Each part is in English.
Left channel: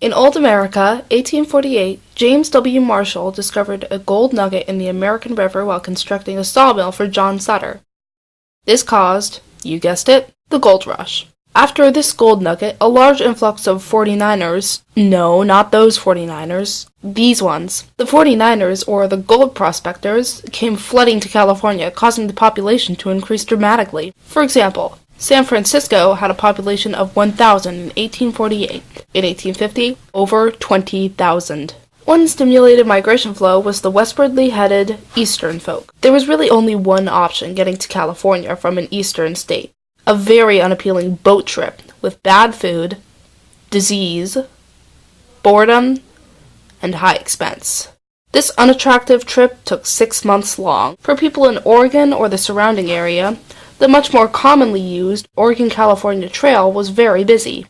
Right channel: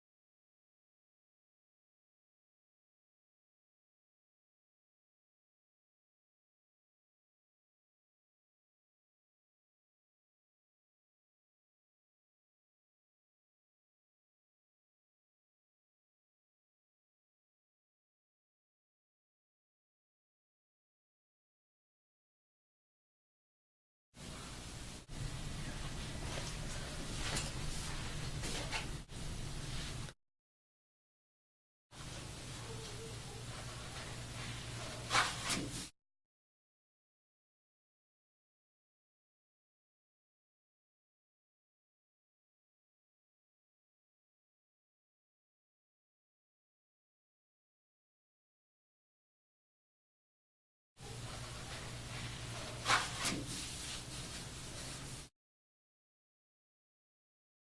In Old America, 1848, James W. Marshall discovered a gold nugget in the American River while constructing a sawmill for John Sutter. This caused, you guessed it, the gold rush. After this gold nugget, a large influx of 49ers, no, not those 49ers, these ones. The 49ers, or the gold prospectors, came flooding to California, causing the population to increase dramatically. For example, San Francisco had a population of 1,000 in 1848. In 1850, over 20,000. One stimulated migration flow was the westwardly headed Eastern folk. There was really only one option getting to California from an eastern state. A very unappealing boat trip with bad food, disease, boredom, and high expense. This unattractive trip took 6 months long. For people in Oregon or the surrounding area, the much more commonly used Oregon-California Trail was very busy.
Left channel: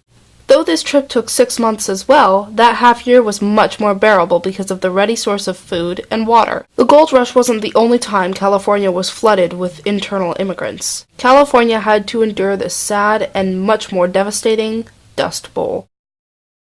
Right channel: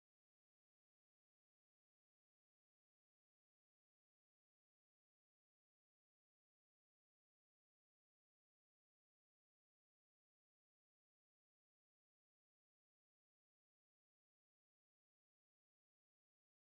Though this trip took 6 months as well, that half year was much more bearable because of the ready source of food and water. The gold rush wasn't the only time California was flooded with internal immigrants. California had to endure the sad and much more devastating Dust Bowl.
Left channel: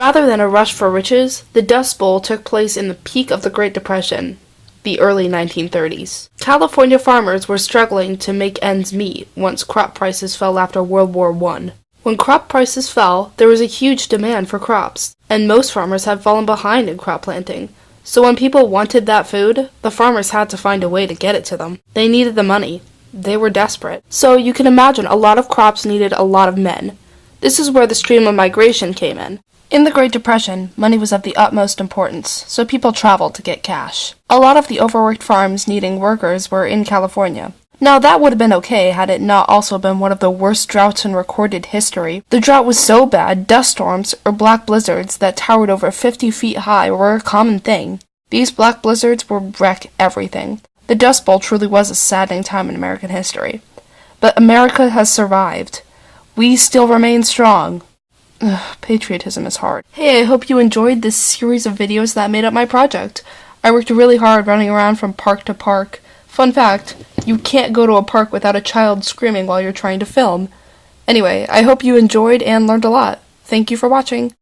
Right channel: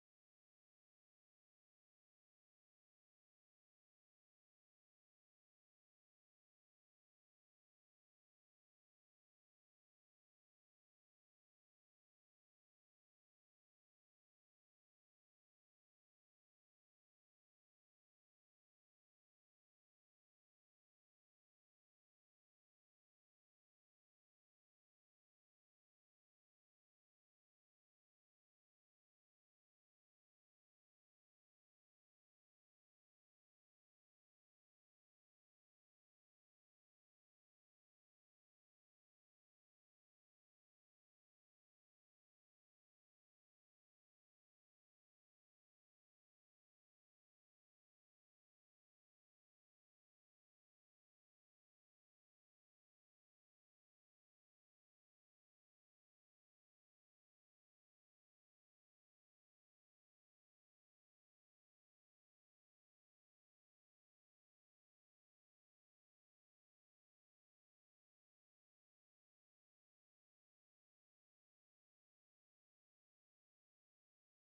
Rather than a rush for riches, the Dust Bowl took place in the peak of the Great Depression, the early 1930s. California farmers were struggling to make ends meet once crop prices fell after World War I. When crop prices fell, there was a huge demand for crops, and most farmers had fallen behind in crop planting. So when people wanted that food, the farmers had to find a way to get it to them. They needed the money. They were desperate. So you can imagine a lot of crops needed a lot of men. This is where the stream of migration came in. In the Great Depression, money was of the utmost importance, so people traveled to get cash. A lot of the overworked farms needing workers were in California. Now, that would have been okay had it not also been one of the worst droughts in recorded history. The drought was so bad, dust storms, or black blizzards that towered over 50 feet high were a common thing. These black blizzards would wreck everything. The Dust Bowl truly was a saddening time in American history. But America has survived. We still remain strong. Ugh, patriotism is hard. Hey, I hope you enjoyed this series of videos that made up my project. I worked really hard running around from park to park. Fun fact, you can't go to a park without a child screaming while you're trying to film. Anyway, I hope you enjoyed and learned a lot. Thank you for watching.